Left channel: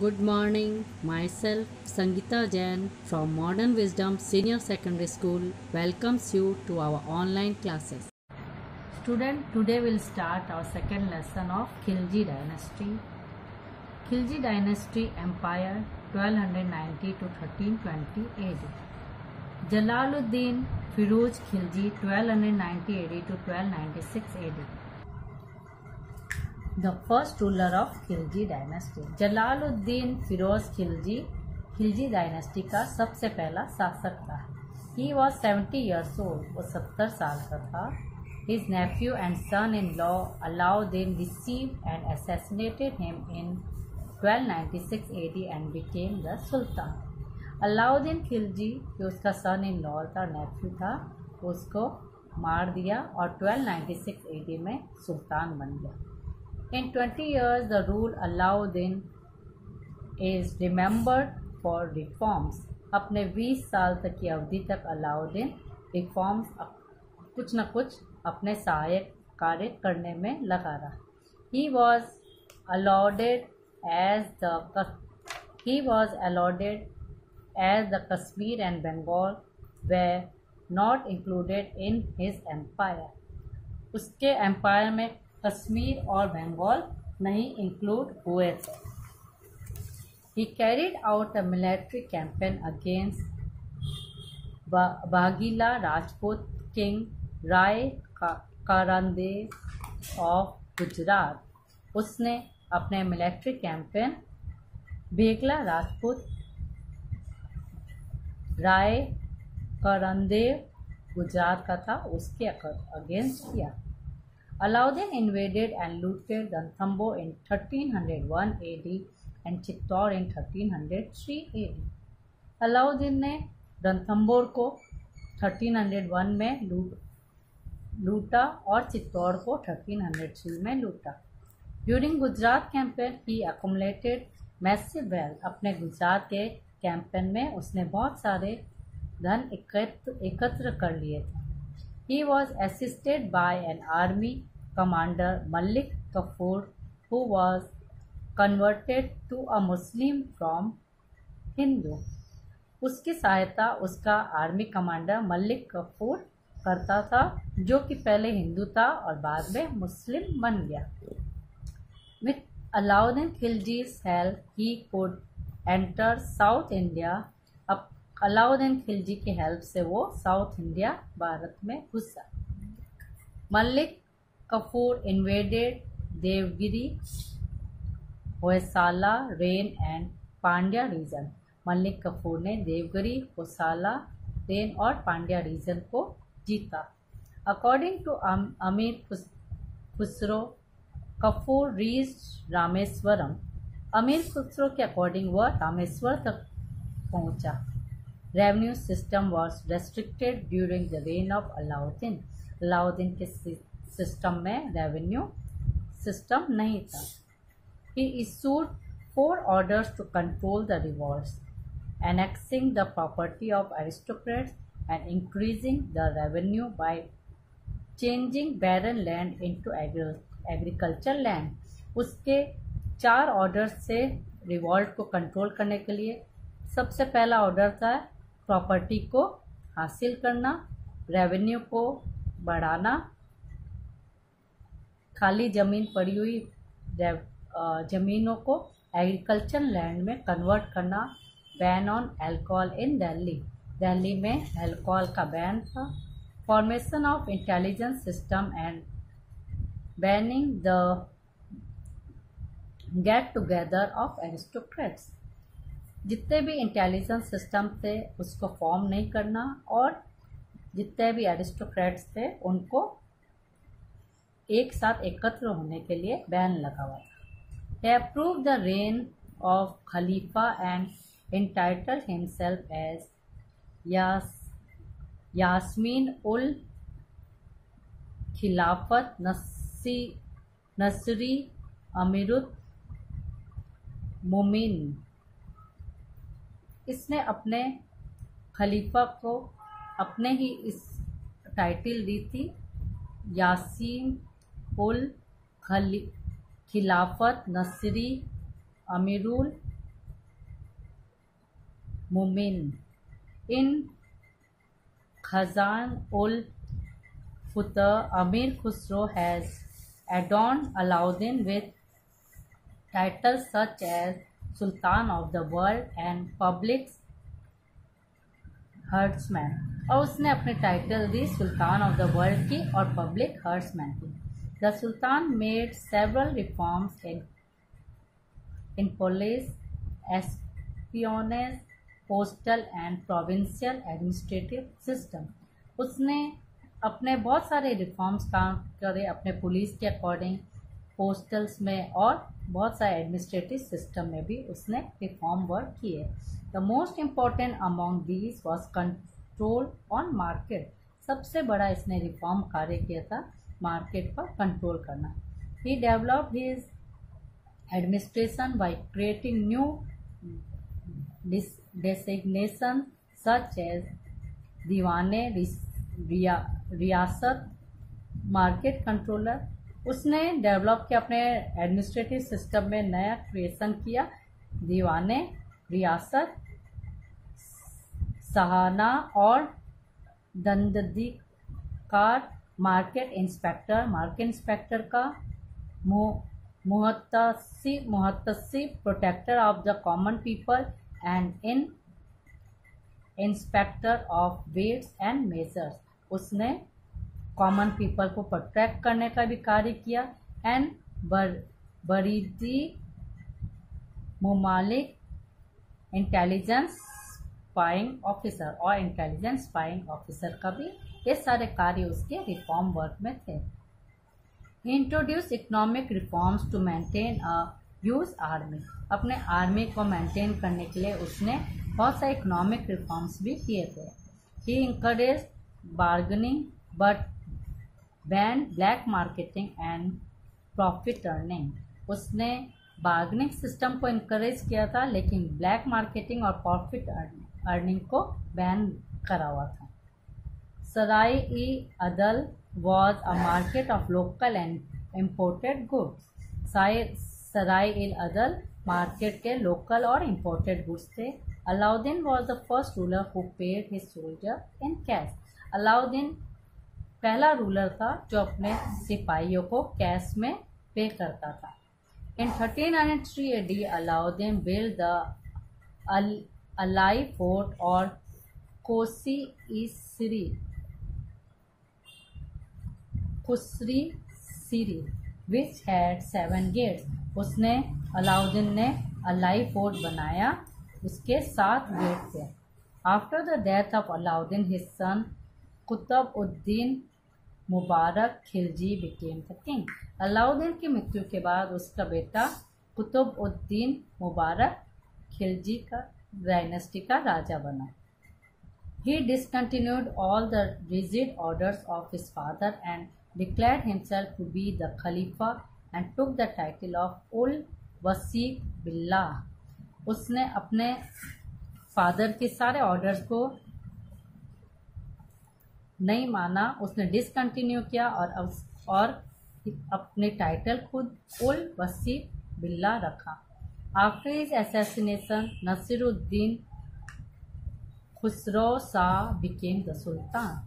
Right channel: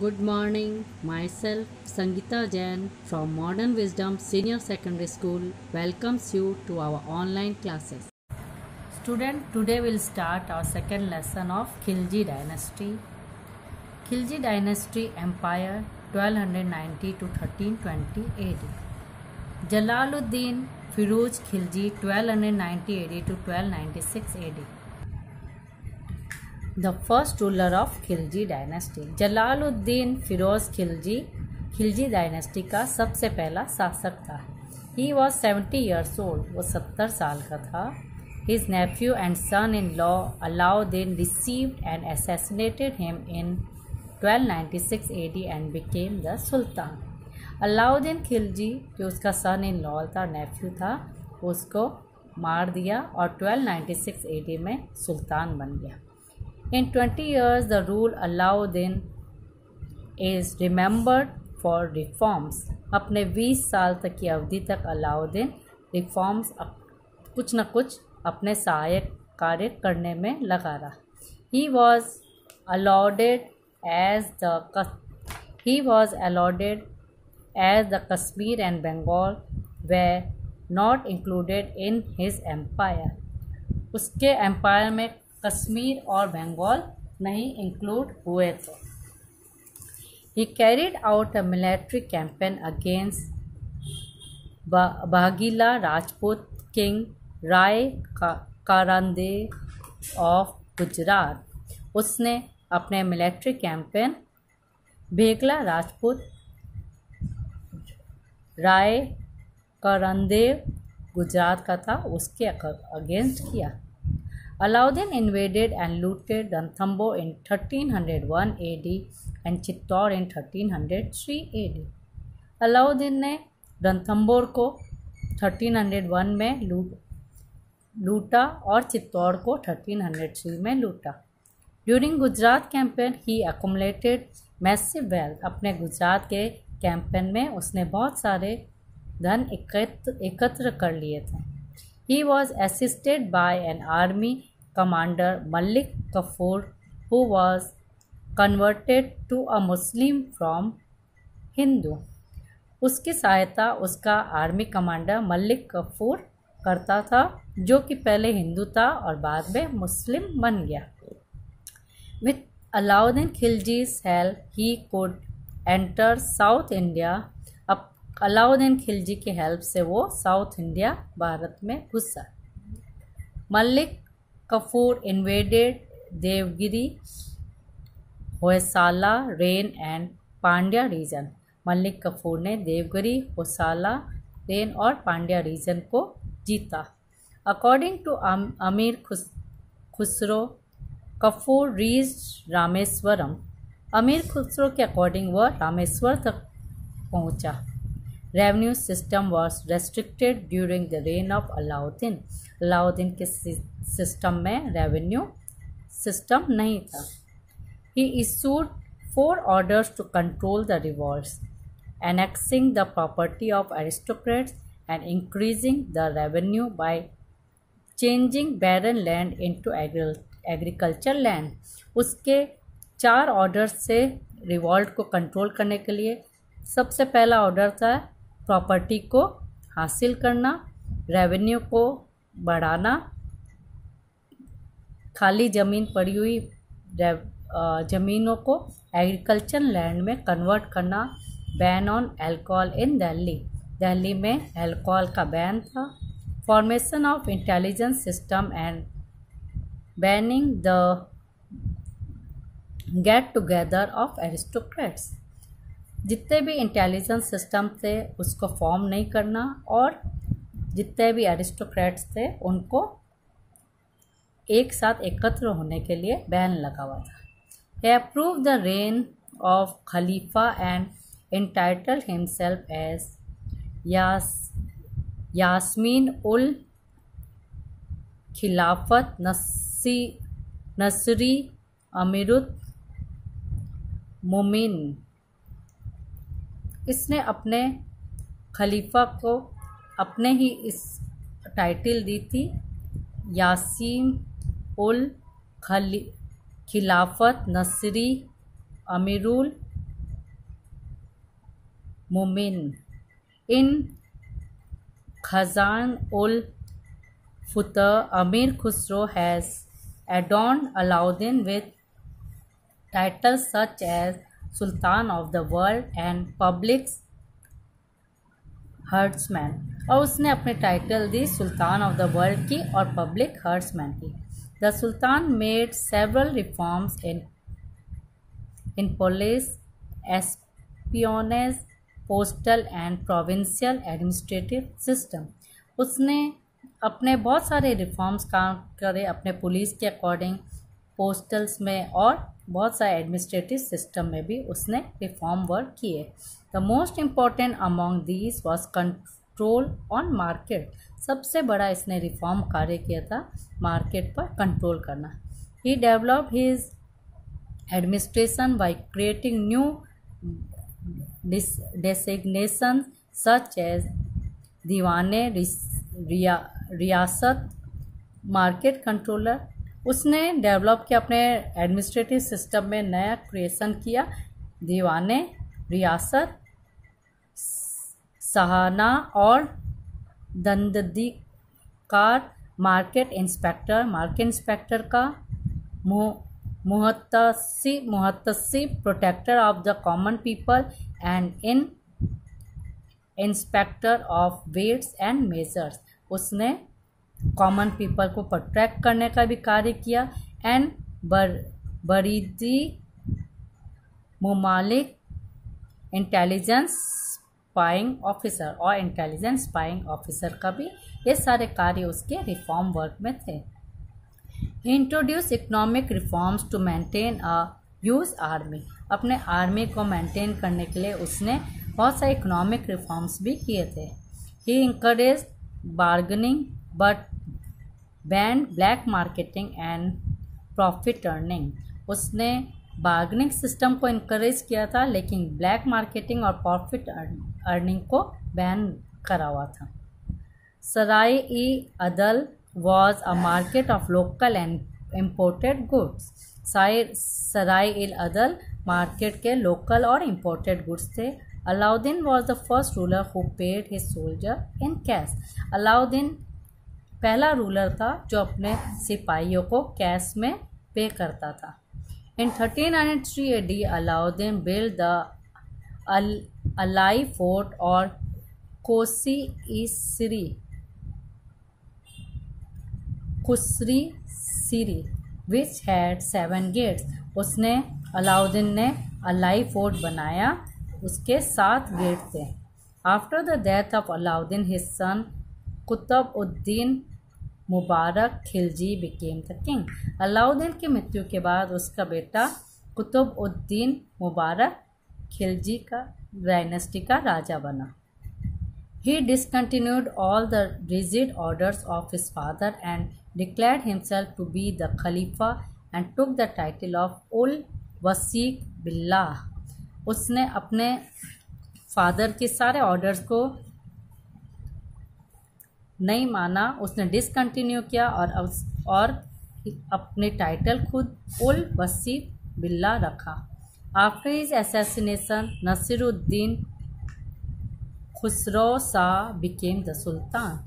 Good morning. Myself, Sangeeta Jain from Modern Wisdom Senior Secondary School welcomes you to our online classes. Student, today we'll start our second lesson of Khilji Dynasty. Khilji Dynasty Empire 1290 to 1320 AD. Jalaluddin Firuz Khilji 1290 AD to 1296 AD. The first ruler of Khilji dynasty Jalaluddin Firoz Khilji dynasty का सबसे पहला शासक था। He was 70 years old, वो 70 साल का था। His nephew and son in law Alauddin received and assassinated him in 1296 AD and became the sultan. Alauddin Khilji जो उसका सन इन लॉ था, नेफ्यू था, उसको मार दिया और 1296 AD में सुल्तान बन गया। In 20 years, the rule Alauddin is remembered for reforms. अपने 20 साल तक की अवधि तक अलाउद्दीन रिफॉर्म्स कुछ न कुछ अपने सहायक कार्य करने में लगा रहा। He was allotted as the Kashmir and Bengal were not included in his empire. उसके एम्पायर में कश्मीर और बंगाल नहीं इंक्लूड हुए थे। He carried out a military campaign against Bagila Rajput king Rai Karandev of Gujarat. उसने अपने मिलिट्री कैंपेन बेगला राजपूत राय करंदेव गुजरात का था, उसके अगेंस्ट किया। Alauddin invaded and looted Ranthambore in 1301 AD and Chittor in 1303 AD। Alauddin ने रणथंबोर को 1301 में लूटा और चित्तौड़ को 1303 में लूटा। ड्यूरिंग गुजरात कैंपेन ही accumulated massive wealth। अपने गुजरात के कैंपेन में उसने बहुत सारे धन एकत्र कर लिए थे। He was assisted by an army commander Malik Kafur who was converted to a Muslim from Hindu। उसकी सहायता उसका आर्मी कमांडर मलिक कफूर करता था, जो कि पहले हिंदू था और बाद में मुस्लिम बन गया। With Alauddin Khilji's help he could enter South India। अब अलाउद्दीन खिलजी की हेल्प से वो साउथ इंडिया भारत में घुसा। मलिक कफूर इन्वेडेड देवगिरी, होयसाला, रेन एंड पांड्या रीजन। मलिक कफूर ने देवगिरी, होयसाला, रेन और पांड्या रीजन को जीता। अकॉर्डिंग टू अमीर खुसरो कफूर रीच्ड रामेश्वरम। अमीर खुसरो के अकॉर्डिंग वह रामेश्वर तक पहुंचा। Revenue system was restricted during the reign of Alauddin. Alauddin के सिस्टम में रेवेन्यू सिस्टम नहीं था। He issued 4 orders to control the revolts, annexing the property of aristocrats and increasing the revenue by changing barren land into agriculture land। उसके 4 orders से revolt को control करने के लिए सबसे पहला ऑर्डर था प्रॉपर्टी को हासिल करना, रेवेन्यू को बढ़ाना, खाली ज़मीन पड़ी हुई ज़मीनों को एग्रीकल्चर लैंड में कन्वर्ट करना, बैन ऑन अल्कोहल इन दिल्ली में अल्कोहल का बैन था, formation of intelligence system and banning the get together of aristocrats. जितने भी इंटेलिजेंस सिस्टम थे उसको फॉर्म नहीं करना और जितने भी एरिस्टोक्रेट्स थे उनको एक साथ एकत्र होने के लिए बैन लगा हुआ था। He approved the reign of Khalifa and entitled himself as Yasmin उल खिलाफत नसरी अमीरुत मोमिन। इसने अपने खलीफा को अपने ही इस टाइटल दी थी, यासीम उल खिलाफत नसरी अमीरुल Mumin. In Khazan-ul-Futuh, Amir Khusro has adorned Alauddin with titles such as Sultan of the World and Public herdsmen, और उसने अपने title the Sultan of the world की और पब्लिक हर्ट्समैन की. The sultan made several reforms in police, espionage, postal and provincial administrative system. उसने अपने बहुत सारे रिफॉर्म्स काम करे अपने पुलिस के अकॉर्डिंग, पोस्टल्स में और बहुत सारे एडमिनिस्ट्रेटिव सिस्टम में भी उसने रिफॉर्म वर्क किए. The most important among these was control on market. सबसे बड़ा इसने रिफॉर्म कार्य किया था मार्केट पर कंट्रोल करना. He develop his administration by creating new designation such as Diwan-e Riyasat, market controller. उसने डेवलप किया अपने एडमिनिस्ट्रेटिव सिस्टम में नया क्रिएशन किया, दीवाने रियासत, सहाना और दंडाधिकार, मार्केट इंस्पेक्टर का, मुहतसिब protector of the common people and inspector of weights and measures. उसने कॉमन पीपल को प्रोटेक्ट करने का भी कार्य किया. And Barid-i Mumalik intelligence spying officer, और इंटेलिजेंस स्पाइंग ऑफिसर का भी ये सारे कार्य उसके रिफॉर्म वर्क में थे. He introduce economic reforms to maintain a huge army. अपने आर्मी को मेंटेन करने के लिए उसने बहुत सारे इकोनॉमिक रिफॉर्म्स भी किए थे. He encourage bargaining but ban black marketing and profit earning. उसने बार्गेनिंग सिस्टम को इनकरेज किया था, लेकिन ब्लैक मार्केटिंग और प्रॉफिट अर्निंग को बैन करा हुआ था. Sarai-e-Adl was a market of local and imported goods. Sarai-e-Adl market के लोकल और इम्पोर्टेड गुड्स थे. Alauddin was the first ruler who paid his soldier in cash. Alauddin पहला रूलर था जो अपने सिपाहियों को कैश में पे करता था. In 1303 AD Alauddin build the Alai fort और खुसरी सीरी विच हैड 7 गेट्स. उसने अलाउद्दीन ने अलाई फोर्ट बनाया, उसके 7 गेट थे. After the death of Alauddin his son Qutb-ud-din Mubarak Khilji became the king. Alauddin की मृत्यु के बाद उसका बेटा कुतुब-उद-दीन मुबारक खिलजी का डायनेस्टी का राजा बना. He discontinued all the rigid orders of his father and declared himself to be the Khalifa and took the title of Ul Wasiq Billah. उसने अपने फादर के सारे ऑर्डर्स को नहीं माना, उसने डिसकंटिन्यू किया और अपने टाइटल खुद उल वसीक बिल्ला रखा. After his assassination Nasiruddin Khusro Shah became the sultan.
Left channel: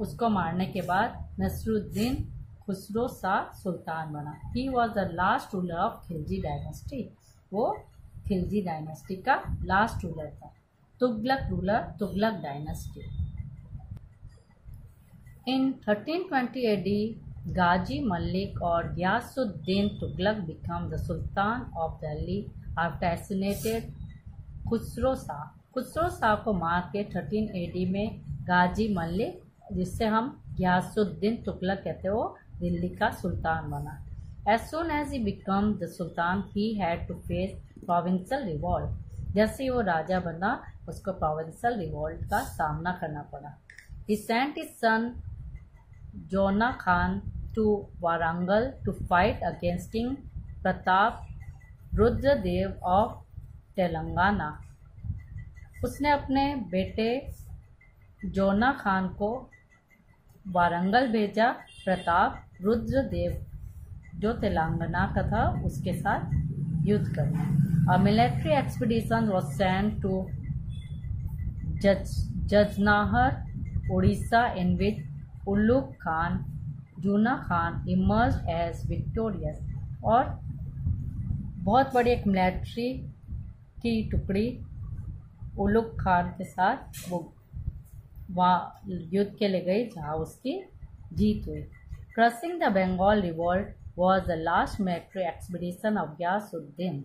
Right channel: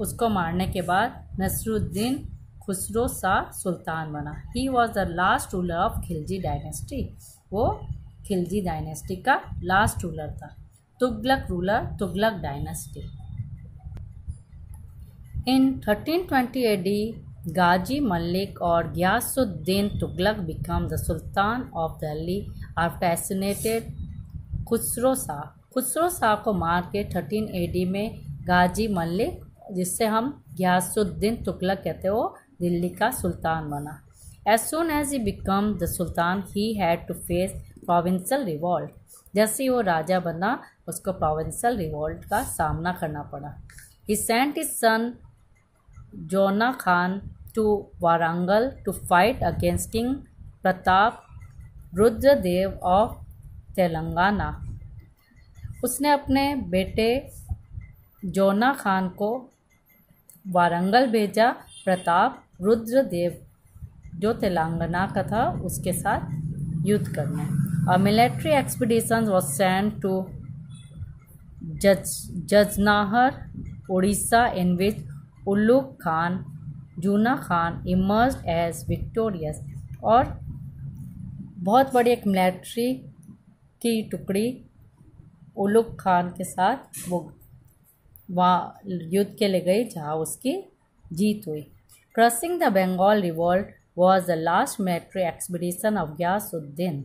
उसको मारने के बाद नसीरुद्दीन खुसरो शाह सुल्तान बना. He was the last ruler of Khilji dynasty. वो खिलजी डायनेस्टी का लास्ट रूलर था. Tughlaq ruler, Tughlaq dynasty. In 1320 AD Ghazi Malik और Ghiyasuddin Tughlaq became the sultan of Delhi after assassinated Khusro Shah. Khusro Shah को मार के 13 AD में गाजी मलिक, जिससे हम गियासुद्दीन तुगलक कहते हैं, वो दिल्ली का सुल्तान बना. As soon as he become the sultan he had to face provincial revolt. जैसे ही वो राजा बना उसको प्रोविंशियल रिवॉल्ट का सामना करना पड़ा. He sent his son zona Khan to Warangal to fight against king Pratap Rudradev of Telangana. उसने अपने बेटे जोना खान को वारंगल भेजा. प्रताप रुद्रदेव जो तेलंगाना का था उसके साथ युद्ध करने। A military expedition was sent to Jajnagar Orissa in which Ulugh Khan Juna Khan emerged as victorious. और बहुत बड़ी एक मिलिट्री की टुकड़ी उल्लुक खान के साथ वो वहाँ युद्ध के लिए गई जहाँ उसकी जीत हुई। Crushing the Bengal revolt was the last military expedition of Ghiyasuddin.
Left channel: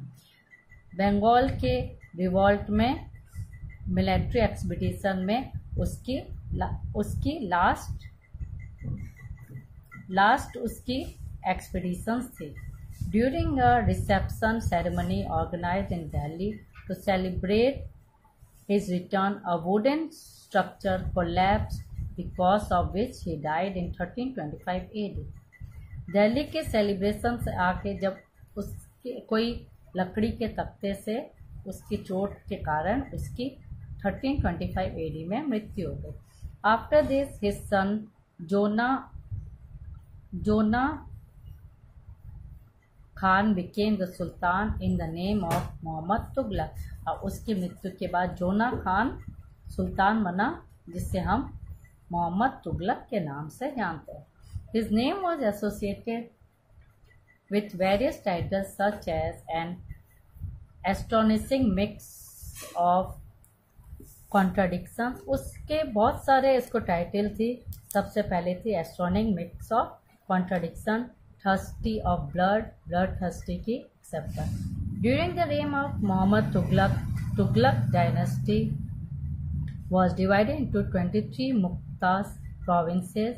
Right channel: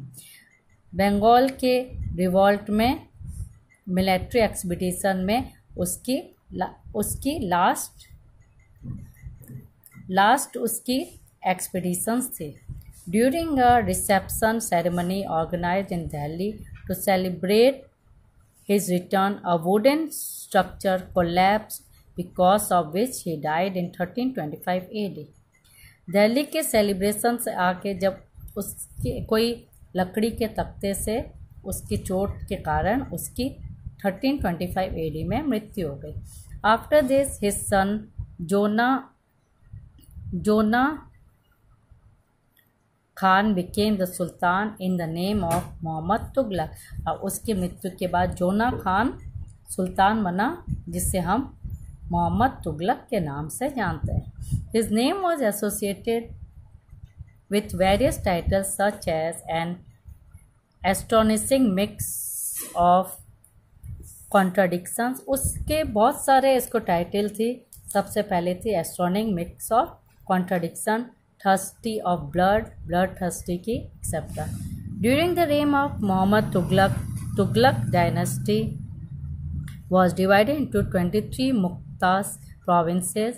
Bengal के रिवॉल्ट में मिलिट्री एक्सपीडिशन में उसकी लास्ट उसकी एक्सपीडिशंस थी। During a reception ceremony organised in Delhi to celebrate his return, a wooden structure collapsed, because of which he died in 1325 AD. Delhi के celebration से आके जब उसके कोई लकड़ी के तख्ते से उसकी चोट के कारण उसकी 1325 AD में मृत्यु हो गई। After this his son zona Khan became the sultan in the name of Mohammad Tughlaq. और उसकी मृत्यु के बाद जोना खान सुल्तान बना, जिससे हम मोहम्मद तुगलक के नाम से जानते हैं। His name was associated with various titles such as an astonishing mix of contradictions. उसके बहुत सारे इसको टाइटल थी। सबसे पहले थी astonishing mix of contradiction, thirsty of blood thirsty की acceptor. During the reign of Mohammad Tughlaq dynasty was divided into 23 मुख्तास provinces.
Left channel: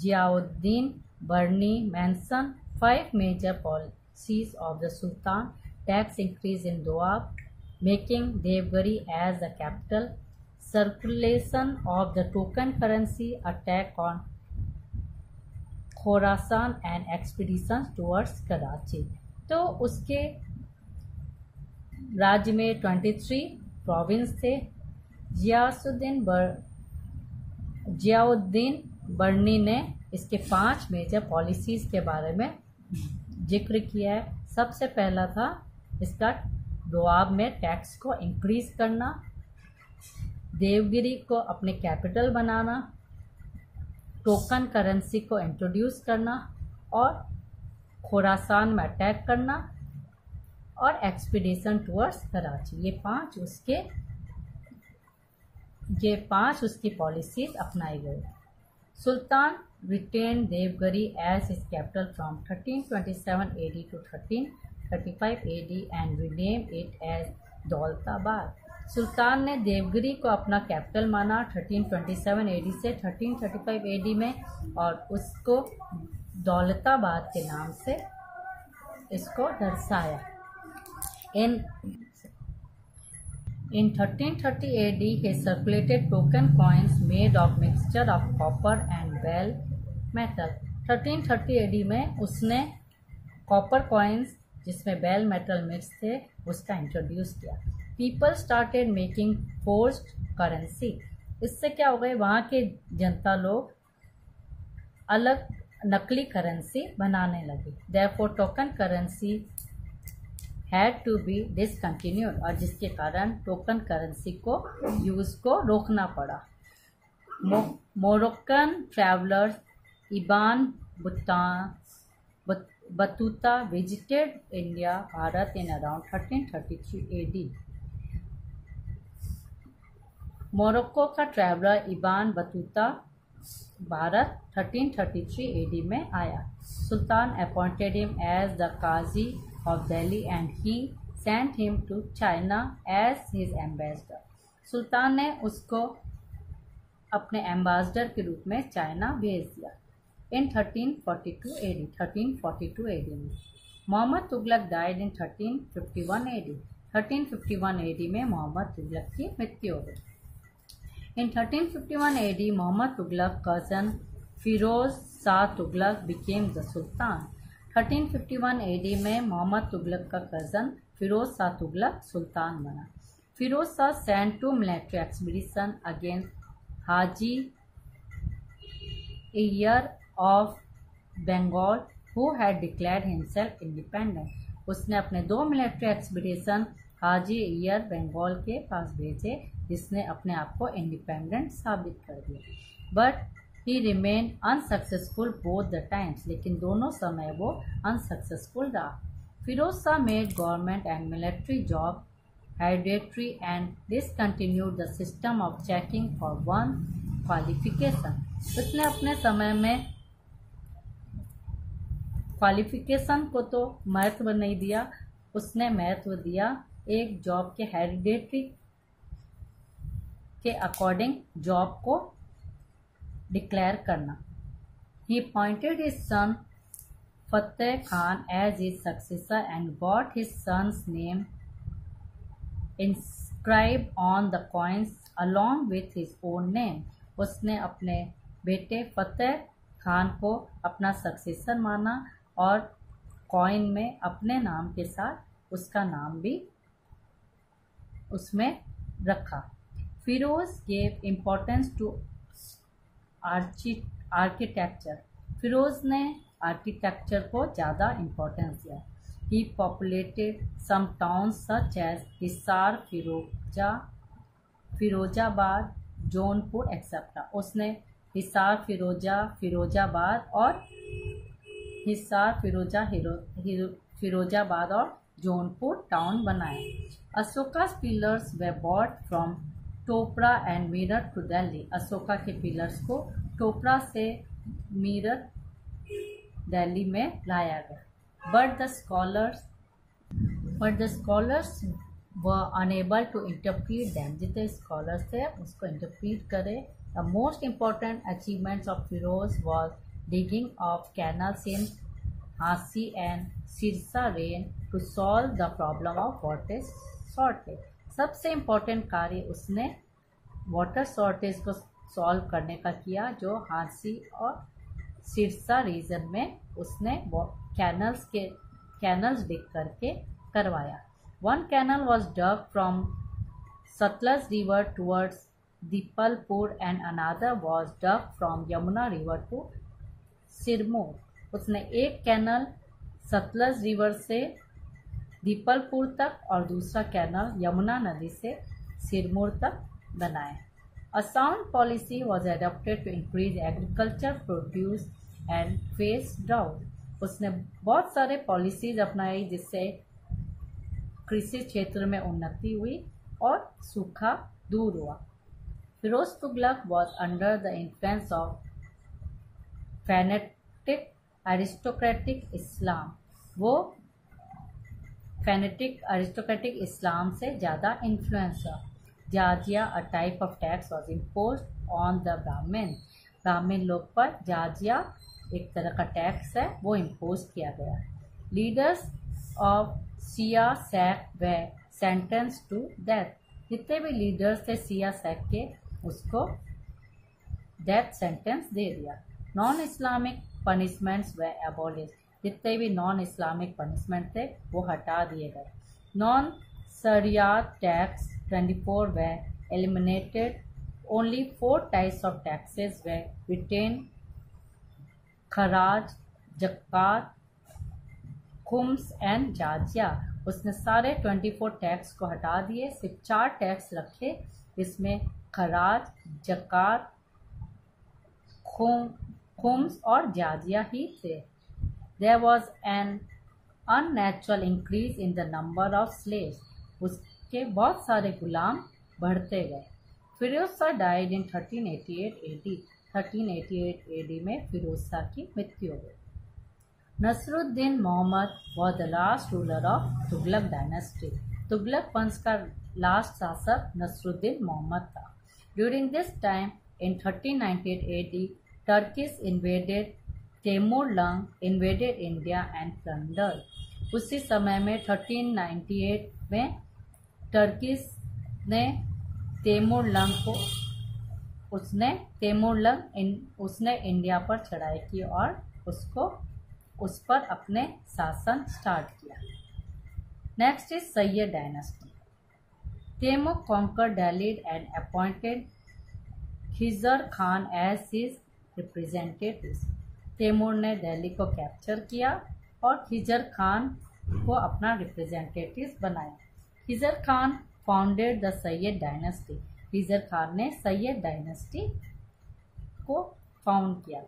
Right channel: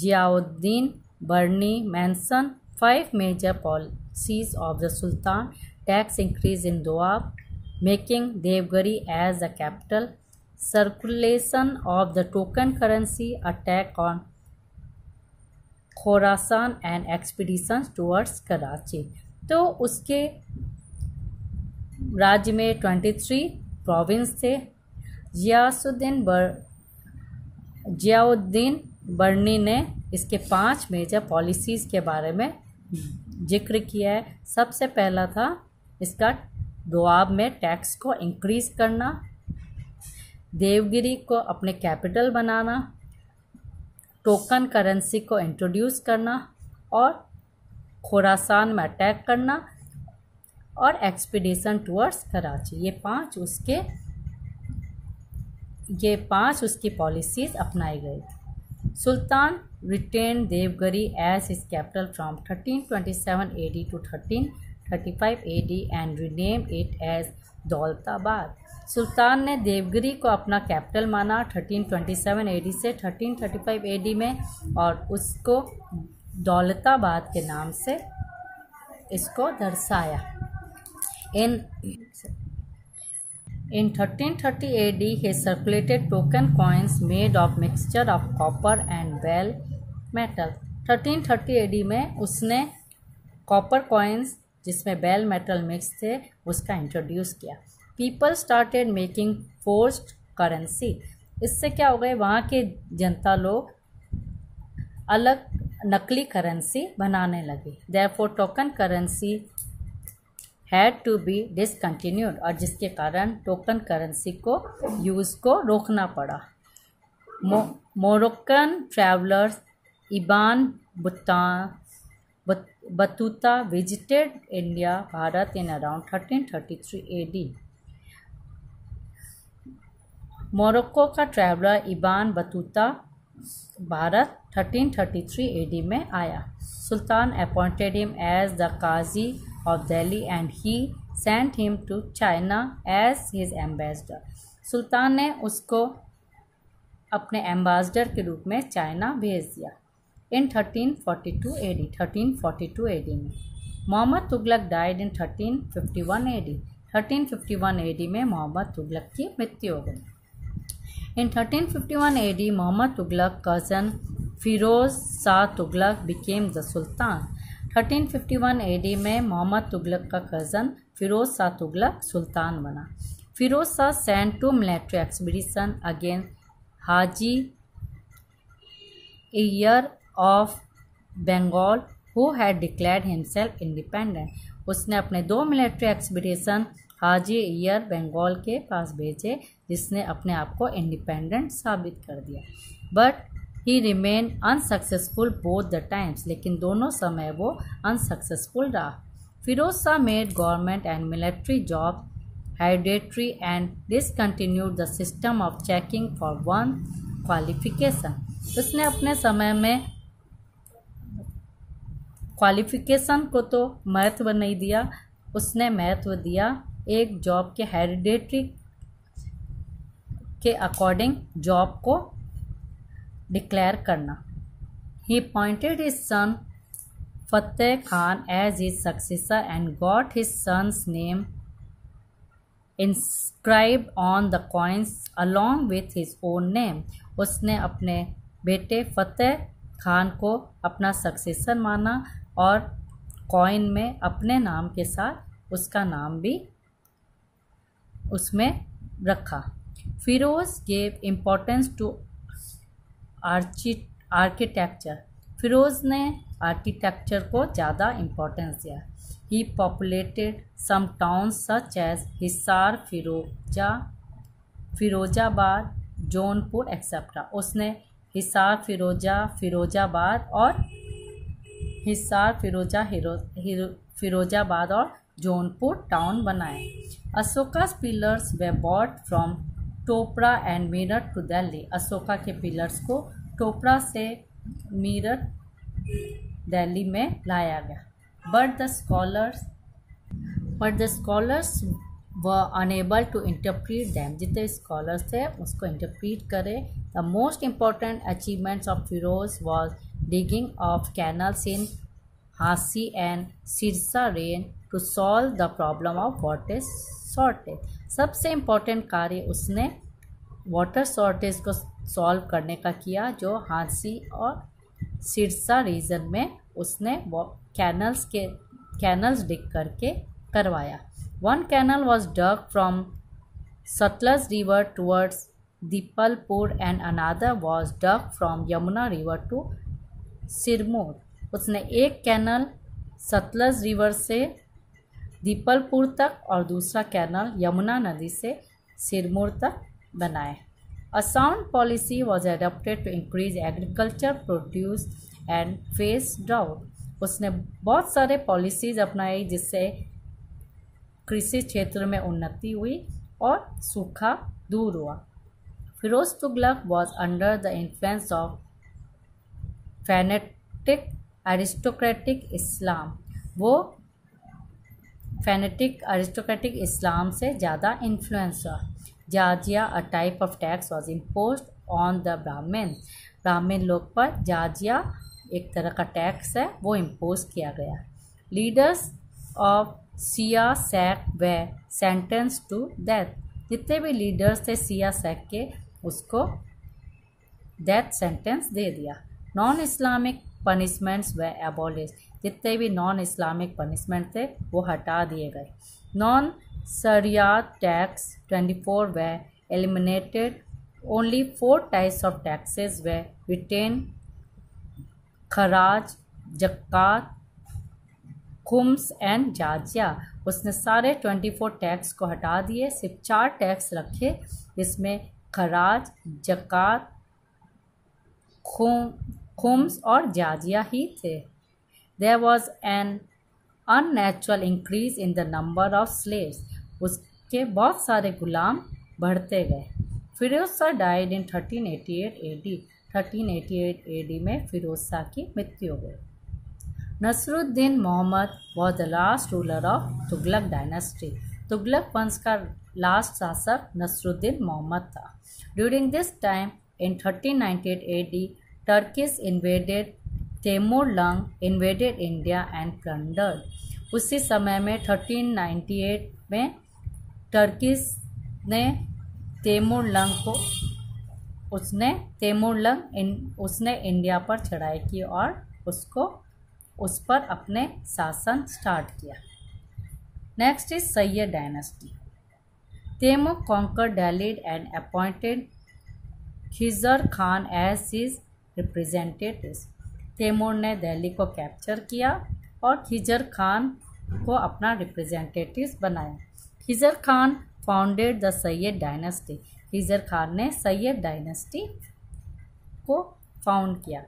Ziauddin Barni mentioned 5 major policies of the Sultan: tax increase in Doab, making Devgari as the capital, circulation of the token currency, attack on Khorasan and expeditions towards Karachi. तो उसके राज्य में 23 province थे। जियाउद्दीन बर्नी ने इसके 5 major policies के बारे में जिक्र किया है। सबसे पहला था इसका दोआब में टैक्स को इंक्रीज़ करना, देवगिरी को अपने कैपिटल बनाना, टोकन करेंसी को इंट्रोड्यूस करना और खोरासान में अटैक करना और एक्सपीडिशन टूवर्ड्स कराची। ये पांच उसकी पॉलिसीज़ अपनाई गई थी। Sultan retain Devagiri as his capital from 1327 AD to 1335 AD and rename it as Daulatabad. Sultan ने देवगिरी को अपना कैपिटल माना 1327 AD से 1335 AD में और उसको दौलताबाद के नाम से इसको दर्शाया। In 1330 AD he circulated token coins made of mixture of copper and bell metal। 1330 AD में उसने कॉपर कॉइन्स जिसमें बेल मेटल मिक्स थे उसका इंट्रोड्यूस किया। People started making forced currency. इससे क्या हो गए, वहाँ के जनता लोग अलग नकली करेंसी बनाने लगे। Therefore token currency had to be discontinued, और जिसके कारण टोकन करेंसी को यूज़ को रोकना पड़ा। Moroccan travellers Ibn Battuta visited India Bharat in around 1333 AD। Morocco का traveller Ibn Battuta Bharat 1333 AD में आया। Sultan appointed him as the Qazi of Delhi and he sent him to China as his ambassador. Sultan ने उसको अपने ambassador के रूप में China भेज दिया। इन 1342 AD में Mohammad Tughlaq died in 1351 AD। 1351 AD में मोहम्मद तुगलक की मृत्यु हो गई। In 1351 AD Mohammad Tughlaq cousin Firoz Shah Tughlaq became the sultan. 1351 AD में मोहम्मद तुगलक का कज़न फिरोज शाह तुगलक सुल्तान बना। Firoz Shah sent to military expedition against Haji ईयर of Bengal who had declared himself independent. उसने अपने 2 मिलिट्री एक्सपीडिशन हाजी ईयर बंगाल के पास भेजे, जिसने अपने आप को इंडिपेंडेंट साबित कर दिया। But he remain unsuccessful both the times, लेकिन दोनों समय वो अनसक्सेसफुल रहा। Firoz Shah made government and military job hereditary and discontinued the system of checking for one qualification. उसने अपने समय में क्वालिफिकेशन को तो महत्व नहीं दिया, उसने महत्व दिया एक जॉब के हेरिडेटरी के अकॉर्डिंग जॉब को डिक्लेयर करना। He pointed his son Fateh Khan as his successor and got his son's name inscribe on the coins along with his own name. उसने अपने बेटे फतेह खान को अपना सक्सेसर माना और कॉइन में अपने नाम के साथ उसका नाम भी उसमें रखा। Firoz gave importance to architecture. Firoz ने आर्किटेक्चर को ज़्यादा इम्पोर्टेंस दिया। He populated some towns such as Hisar, Firozabad, Jaunpur etcetera. उसने हिसार, फिरोजाबाद और फिरोजाबाद और जौनपुर टाउन बनाए। Ashoka's pillars they bought from Topra and Meerut to Delhi. Ashoka के पिलर्स को टोपरा से मीरठ दिल्ली में लाया गया। But the scholars were unable to interpret them. जितने स्कॉलर्स थे उसको इंटरप्रीट करे। The most important achievements of Firoz was digging of canals in Hasi and Sirsa रेन to solve the problem of water shortage. सबसे इम्पोर्टेंट कार्य उसने water shortage को solve करने का किया, जो हांसी और सिरसा रीजन में उसने कैनल्स डिग करके करवाया। One canal was dug from Satluj River towards Dipalpur and another was dug from Yamuna River to Sirmaur. उसने एक कैनल सतलज रिवर से दीपलपुर तक और दूसरा कैनल यमुना नदी से सिरमौर तक बनाए। A sound policy was adopted to increase agriculture produce and face drought. उसने बहुत सारे पॉलिसीज अपनाई जिससे कृषि क्षेत्र में उन्नति हुई और सूखा दूर हुआ। Firoz Tughlaq was under the influence of fanatic aristocratic Islam. वो फेनेटिक एरिस्टोक्रेटिक इस्लाम से ज़्यादा इन्फ्लुएंस हुआ। Jizya a type of tax was imposed on the Brahman लोग पर जाजिया एक तरह का टैक्स है, वो इम्पोज किया गया। Leaders of Shia sect they sentence to death. जितने भी लीडर्स थे सिया सैक के, उसको डेथ सेंटेंस दे दिया। नॉन इस्लामिक पनिशमेंट्स वे एबॉलिश। जितने भी नॉन इस्लामिक पनिशमेंट थे वो हटा दिए गए। Non Shariat tax 24 were eliminated. Only 4 types of taxes were retain, Kharaj, Zakat, Khums and jizya. उसने सारे 24 टैक्स को हटा दिए, सिर्फ 4 टैक्स रखे, जिसमें खराज, जक़ात, खुम्स और जाजिया ही थे। There was an unnatural increase in the number of slaves. उसके बहुत सारे गुलाम बढ़ते गए। Firoz Shah died in 1388 AD। 1388 AD में फिरोज शाह की मृत्यु हो गई। Nasruddin Mohammad was the last ruler of Tughlaq dynasty. Tughlaq वंश का लास्ट शासक नसरुद्दीन मोहम्मद था। During this time in 1398 AD Turkish invaded Timurlang invaded India and plundered. उसी समय में 1398 में टर्किश ने उसने इंडिया पर चढ़ाई की और उस पर अपने शासन स्टार्ट किया। Next is Sayyid dynasty. Timur conquered Delhi and appointed Khizr Khan as his representative. Timur ने दिल्ली को कैप्चर किया और खिजर खान को अपना रिप्रेजेंटेटिव्स बनाया। Khizar Khan founded the Syed dynasty. Khizar Khan ने सैयद डायनेस्टी को फाउंड किया।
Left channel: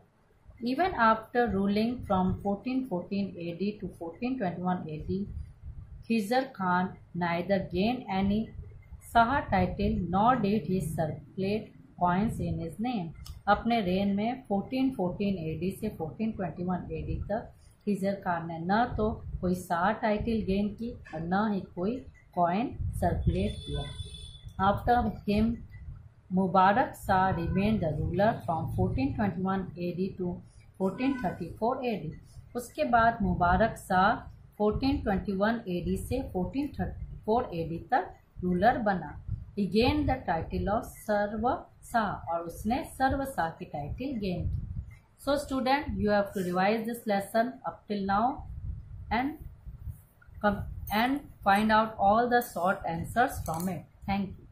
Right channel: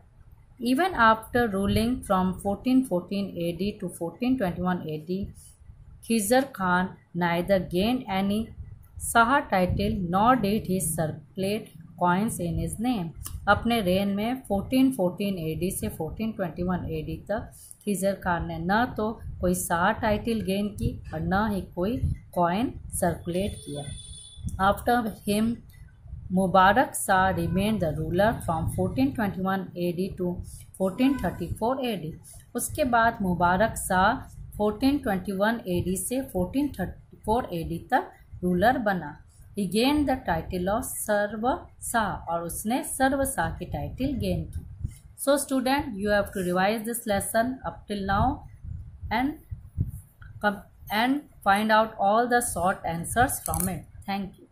Even after ruling from 1414 AD to 1421 AD, Khizr Khan neither gained any Shah title nor did he circulate coins in his name. अपने रेन में 1414 AD से 1421 AD तक खिज़र खान ने न तो कोई शाह टाइटल गेन की और न ही कोई कॉइन सर्कुलेट किया। After him Mubarak Shah remained the ruler from 1421 AD to 1434 AD. उसके बाद मुबारक शाह 1421 AD से 1434 AD तक रूलर बना। He gained the title of सर्व शाह और उसने सर्व शाह की टाइटल गेन की। So student, you have to revise this lesson up till now and find out all the short answers from it. Thank you.